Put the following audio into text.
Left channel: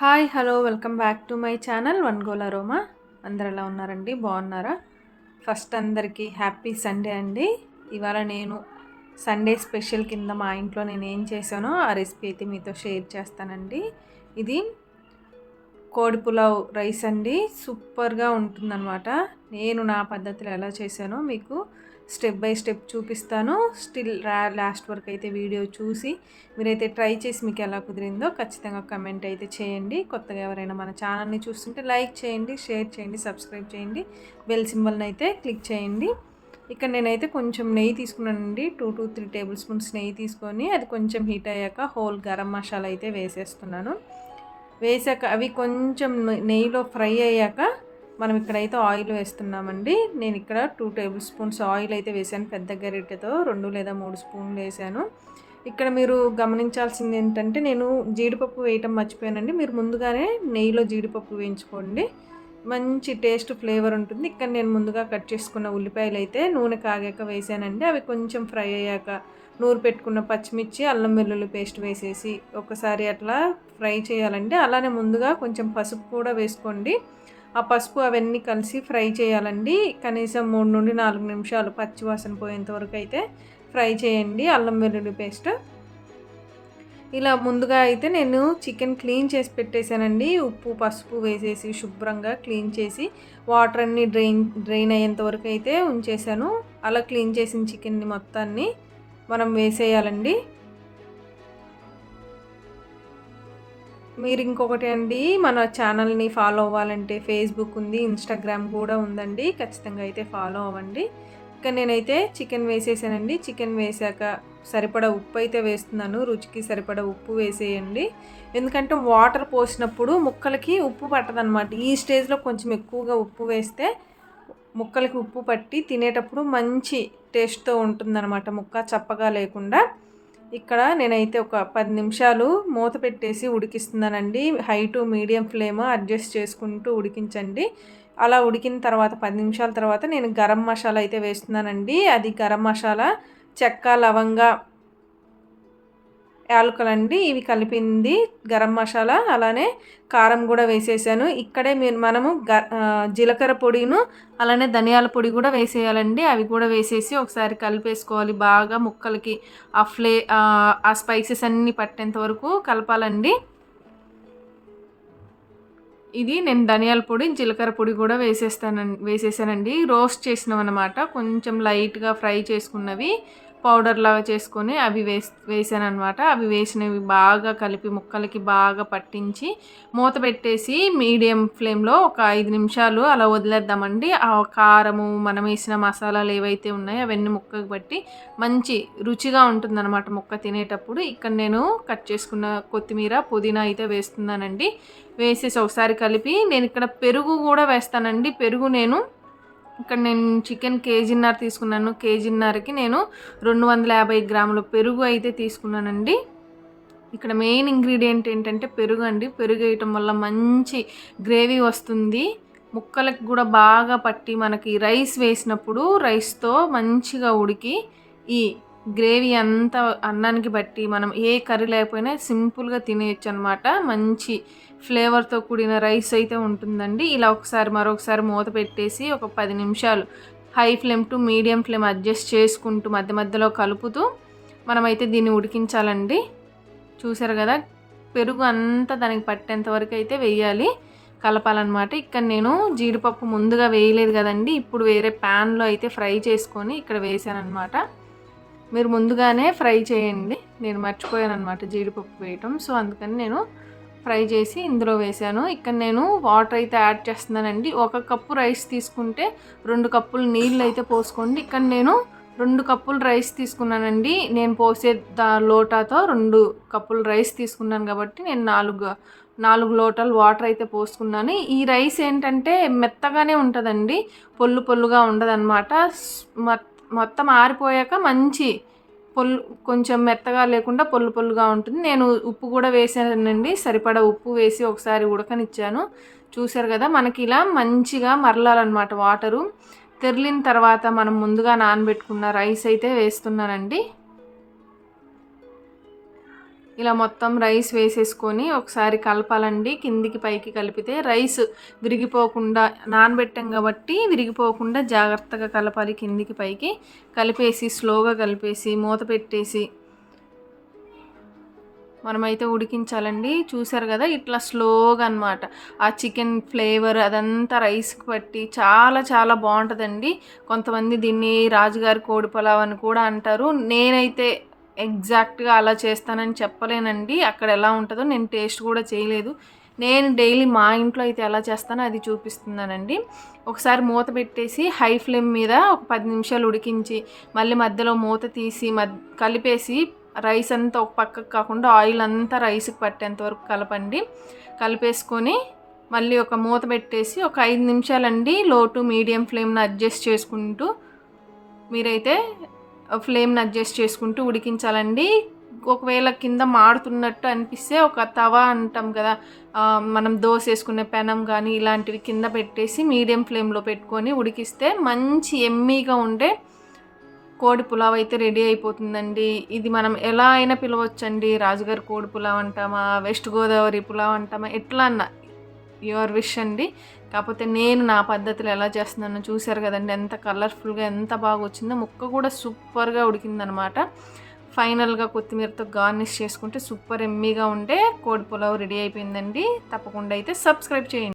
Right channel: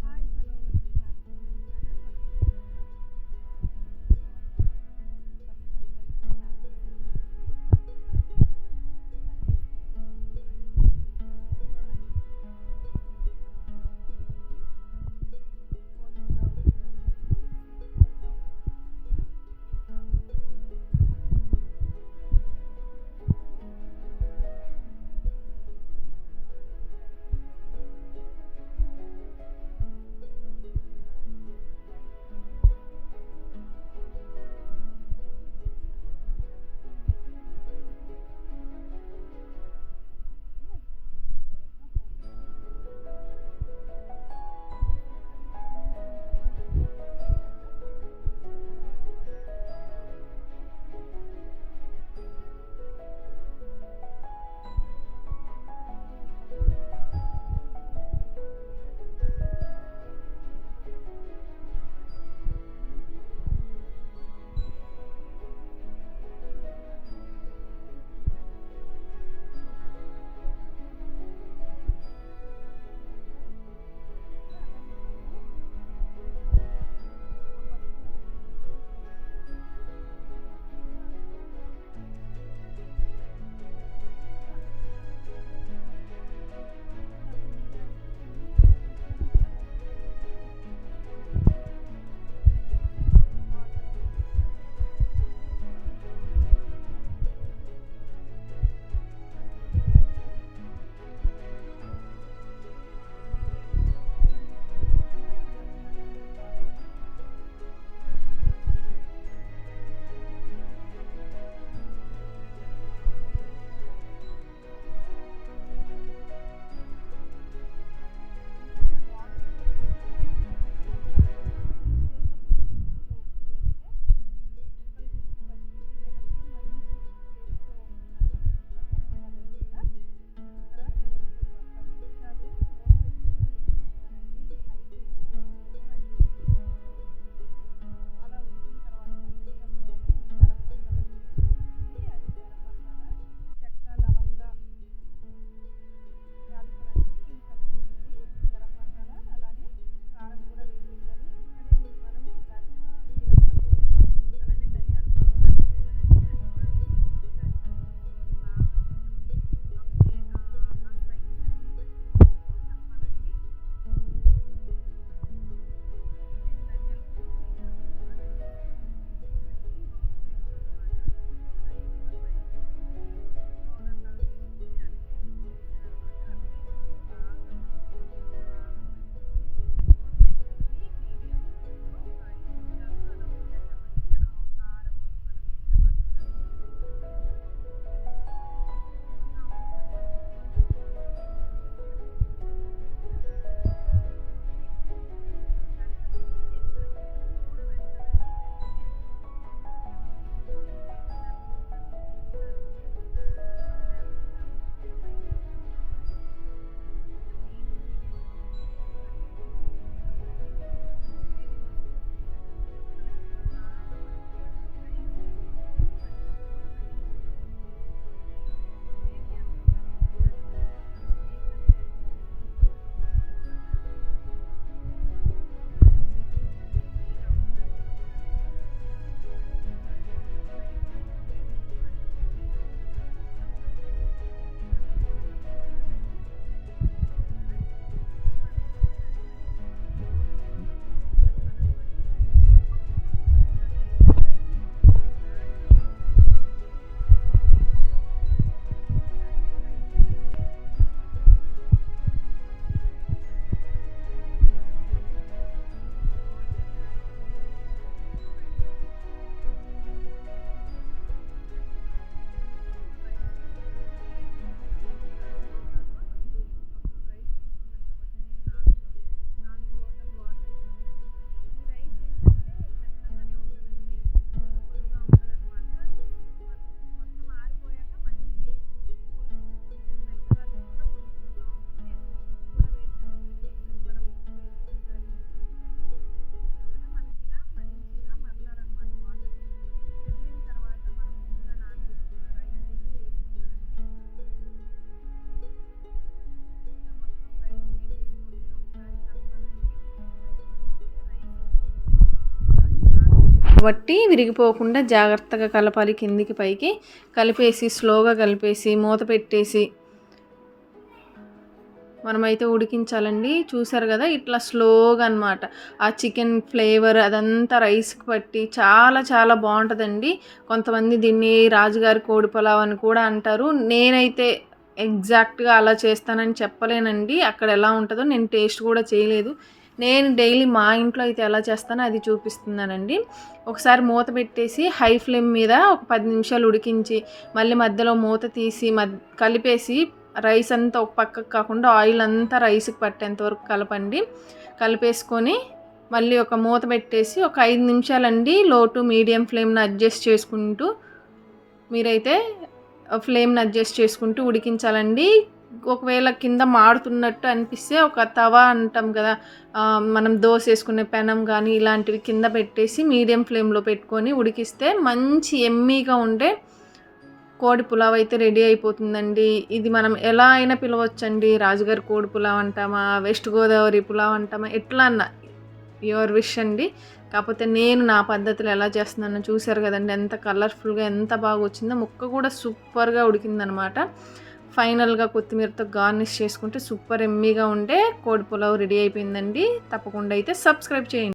Hi hello welcome back to my channel one goal aroma. అందరు ఎలా ఉన్నారండి? బాగున్నారా? ఫస్ట్ అందరికీ హ్యాపీ సండే అండి. ఇవాళ నేను సండే స్పెషల్ కింద మా ఇంట్లో నేను ఏం చేశానో ఆ రెసిపీ అయితే మీతో షేర్ చేస్తానండి. ఇది కోడి పులావ్ రైస్ అండి. సూపర్గా ఉంటుందన్నమాట. నేను నా పద్ధతిలో ఎలా చేశానో మీకు స్టెప్ బై స్టెప్ చూపిస్తాను. స్టిల్ లాస్ట్ వరకు అయితే వీడియో చూసి మీరైతే ట్రై చేసి మీకు ఎలా కుదిరిందో ఖచ్చితంగా కమెంట్ అయితే చేయండి. కొత్తగా ఎవరైనా మన ఛానల్ని చూస్తుంటే లైక్ చేయండి, షేర్ చేయండి, సబ్స్క్రైబ్ చేయండి, బెల్ సింబల్ని అయితే క్లిక్ చేయండి. ఇక్కడ నేనైతే కొంచెం నెయ్యి తీసుకున్నానండి. 2 to 3 టేబుల్ స్పూన్స్ నెయ్యి తీసుకొని అది కొంచెం హీట్ అయ్యాక హోల్ గరం మసాలా అయితే వేసేస్తున్నాను. వేసాక అవి కొంచెం నెయ్యిలో ఫ్రై అయ్యాక మనం ఇక్కడైతే ఆయిల్ వేస్తున్నామండి. నేను ఇక్కడ 2 టేబుల్ స్పూన్స్ ఆయిల్ అయితే వేసాను. పెద్ద గరిటెతో 2 లేదా 3 స్పూన్లు వేసాను. ఇక్కడ మీరు గమనించాల్సింది ఏంటంటే నేను జీడిపప్పు వేయటం మర్చిపోయానండి. మీరు ముందుగానే నెయ్యిలో జీడిపప్పు వేయించుకోండి, మంచి టేస్ట్ ఫ్లేవర్ ఉంటుంది. ఇక్కడ నేను ముందుగా కట్ చేసుకున్న ఉల్లిపాయలు అయితే నూనె కాగాక వేసానండి. అవి కొంచెం ఫ్రై అయ్యాక నూరు పెట్టుకున్న పచ్చిమిర్చి, అల్లం వెల్లుల్లి పేస్ట్ వేసేసి ఒకసారి అట్లా ఫ్రై చేయాలండి. అలానే ముందుగా కొంచెం పసుపు కూడా వేసుకోండి. ఆ పసుపు అవన్నీ కలిసి ఫ్రై చేయాలండి. కనీసం 3 నుండి 4 నిమిషాలు పచ్చివాసన పోయేంత వరకు అయితే ఫ్రై చేయండి అల్లం వెల్లుల్లి పేస్ట్. ఇలా ముందుగా అయితే నేను చికెన్ క్లీన్ చేసి పెట్టేశానండి. ఉప్పు పసుపు వేసేసి శుభ్రంగా క్లీన్ చేసి వాటర్ అన్ని డ్రైన్ అయ్యేంత వరకు అయితే ఉంచేసాను. అలా క్లీన్ చేసిన చికెన్ని మొత్తాన్ని మనం వేసేయాలండి. మీరు ఇంకొకటి అండి, మన ఛానల్ని ఫాలో అవ్వాలంటే ఫేస్బుక్ ఉంది, ఇన్స్టాగ్రామ్ కూడా ఉందండి. ఖచ్చితంగా అయితే ఫాలో అవ్వండి. ఇక నేనైతే చికెన్ వేసేసానండి. చికెన్ వేసాక సరిపడా ఉప్పు అయితే వేస్తున్నాను. రుచికి సరిపడా ఉప్పు వేసేయండి. ఎందుకంటే వాటర్ పోసినప్పుడు ముక్కలకి ఉప్పు పట్టదనమాట. ఈ స్టేజ్లో కొంచెం ఎక్కువగా ఉప్పు వేస్తే ముక్కలకి ఉప్పు పట్టి తినేటప్పుడు మంచి టేస్ట్తో ఉంటుందన్నమాట, ముక్క చప్పగా లేకుండా. ఇక్కడ నేనైతే ఒక 10 నిమిషాలు మూత పెట్టేసి ఉడికిస్తున్నానండి. High to medium flame adjust చేసుకుంటూ ఉడికించండి. అలా ఉడికిన తర్వాత 10 నిమిషాల తర్వాత నేను గరం మసాలా అయితే వేస్తున్నానండి. అది గరం మసాలా, చెక్క, లవంగా, యాలకులండి, ఇవి కలిపింది గరం మసాలా. అలానే కారం కూడా వేసేసాను. ఇక్కడే మనము జీలకర్ర పొడిను అలానే ధనియాల పొడి కూడా వేసేయాలండి. అవి కూడా వేసేసి ఒకసారి కలిపేసుకోవాలి. బాగా ముక్కలకి ఆ స్పైసెస్ అన్నీ పట్టేంత వరకు కలపాలండి. ఇది నేను ధనియాల పొడి, జీలకర్ర పొడి కూడా వేసేసానండి. రోస్ట్ చేసినవి అన్నమాట. కొంచెం లైట్గా ఫ్రై చేసుకున్నవి పౌడర్ లాగా చేసుకొని అవి వేసాను అనమాట. అవి వేసినవి బాగా కలిపి ముక్కలకి బాగా పట్టించి మూత పెట్టేసి మీడియం ఫ్లేమ్లో ఒక 5 నిమిషాలు అలా వదిలేద్దామండి. ఆ కారము, మనం వేసిన మసాలాలు ఏవైతే ఉన్నాయో అవన్నీ ముక్కకి పట్టి మంచి రుచిగా ఉంటుందన్నమాట ముక్క తినేటప్పుడు. ఇక్కడ నేను కట్ చేసుకున్న కొత్తిమీర, పుదీనా అయితే వేస్తున్నానండి. వేసేసి ఒకసారి కలిపి నేను ఇక్కడ పెరుగు కూడా వేస్తానండి. పెరుగు ఇక్కడ నేను చికెన్ కేజీన్నర తీసుకున్నాను. కేజీన్నరకి నేను 250 గ్రాముల పెరుగు అయితే తీసుకున్నానండి. ఇక్కడ మెయిన్ ఇంగ్రీడియంట్ ఏంటంటే పెరుగు అండి. పెరుగు వేయటం వల్ల మంచి గ్రేవీ వస్తుంది. ముక్కలకు కూడా బాగా పట్టి మనకి రైస్ వేసినప్పుడు రైస్తో మంచిగా ఉడికి ఈ గ్రేవీ అంతా అన్నానికి బట్టి మనం ఏ కర్రీ లేకపోయినా సింపుల్గా తినేయచ్చు అనమాట. మంచి ఫ్లేవర్తో కూడిన రైస్ అయితే ఉంటుందండి. ఇలా మరొకసారి మూత పెట్టేసి ఒక 10 నిమిషాలు high flame to medium flame adjust చేసుకుంటూ మధ్య మధ్యలో కలుపుతూ మనమైతే దీన్ని ఉడికించాలండి. చూసారు కదా, పెరుగు అంతా దానికి పట్టేంత వరకు అయితే వేయాలి, కలపాలన్నమాట. ఇక్కడ నేను జీడిపప్పు ముందుగా వేయలేదు కదండి. ఇప్పుడు వేరే ప్యాన్లో అయితే ఫ్రై చేసుకొని ఇక్కడ వేసాను అనమాట. మీరు ముందుగానే ఫ్రై చేయండి. నేను మర్చిపోయాను అనమాట జీడిపప్పు వేయటం. సో అందుకని నేను ఫ్రై చేసి ఇందులో వేసాను. ఇక్కడ నేను వాటర్ అయితే యాడ్ చేస్తున్నానండి. 1 కప్పు రైస్ తీసుకుంటే 2 కప్పులు నీళ్ళు అయితే పోసుకోండి. ఇక్కడ నేను 2 కప్పులు రైస్ తీసుకున్నానండి. నేను పోసే లోటాతో 2 కప్పులు రైస్ తీసుకున్నాను కాబట్టి నేను 4 లోటాలు వాటర్ అయితే పోసుకున్నాను. ఈ రైస్ ఏంటంటే మెత్తగానే ఉంటుందండి, పొల్లుగా ఉండదన్నమాట. మొత్తం ఆరిపోయాక మంచి కొంచెం మెత్తగా లేకుండా పొల్లుగా ఉంటుంది. నేను ఉప్పు కూడా వేసానండి. సరిపడా ఉప్పు వేసి ఒకసారి ఉడకనిచ్చాను. చూసారు కదా, మనకి ఇలా మంచిగా మరలాలన్నమాట. వాటరు తెరిలిన తర్వాత మనం ముందుగా నానబెట్టుకున్న రైస్ అయితే వేస్తున్నానండి. ఇలా మొత్తం రైస్ వేసేసుకొని ఒకసారి కలపాలండి. కిందికి పైకి కలిపితే రైస్ విరిగిపోకుండా, నానబెట్టాం కాబట్టి విరిగిపోకుండా జాగ్రత్తగా కలపాలి. కిందికి పైకి కలిపేసి స్లోగా కలిపేసి మూత పెట్టేసి మనమైతే ఉడికించాలండి. చూసారు కదా, ఇట్లా స్లోగా అనమాట. ఆ చికెన్ ఫ్లేవర్ అదంతా రైస్కి పట్టి చాలా చాలా బాగుంటుందండి. కొంతమంది దీన్ని రాజుగారి కోడి పులావ్ అని కూడా అంటారు. నేనైతే ఎగ్జాక్ట్గా అలా చేస్తానని చెప్పలేనండి. అక్కడ ఎలా ఉంటుందో నేను టేస్ట్ కూడా చేయలేదు. నేను డైలీ మా ఇంట్లో అయితే ఎలా చేస్తానో అది చూపిస్తున్నానండి. ఒకసారి మూత పెట్టేసి హై ఫ్లేమ్ మీద ఒక 10 నిమిషాలు ఉడికించి మళ్ళీ మధ్యలో మూత తీసి కలిపేసి రైస్ అంతా ఒక పక్కకు కాకుండా ఆయిల్ అంతా రైస్కి పట్టేంత వరకు కలపండి. కలిపేసుకొని మళ్ళీ ఒక మూత పెట్టేసి ఒక 5 నిమిషాలండి లో టు మీడియం ఫ్లేమ్ని అడ్జస్ట్ చేసుకుంటూ మీరైతే ఫ్లేమ్ని అడ్జస్ట్ చేసుకుంటూ ఉడికించాలండి. ఒకవేళ కింద మాడుతున్నట్టు అనిపిస్తే ఒక తవా అంటాం కదా, మనం దోశ వేసుకునే పెనం కానీ ఇలాంటివి కింద పెట్టేసి మీడియం ఫ్లేమ్లో పెట్టుకొని ఉడికిస్తే మంచి ఎమ్మీగా ఉండే కోడి పులావ్ అయితే రెడీ అయిపోతుందండి. ఇది మనం ఎలా అయినా పిలవచ్చండి. రాజుగారి కోడి పులావ్ అంటామా, వెస్ట్ గోదావరి పులావ్ అంటామా, ఎట్లా అన్నా యువర్ విష్ అండి. కాకపోతే నేను నా పద్ధతిలో ఎలా చేస్తున్నానో చూసారు కదండి, ఎంత కలర్ఫుల్గా ఎంత బాగా వచ్చిందో. ముక్క కూడా సూపర్గా ఉడికిందనమాట. ఫైనల్గా కొత్తిమీరతో గార్నిష్ చేసుకుంటే సూపర్ ఎమ్మీగా ఉండే కోడి పులావ్ రెడీ అయిపోయిందండి. తప్పకుండా అయితే సబ్స్క్రైబ్ చేయండి.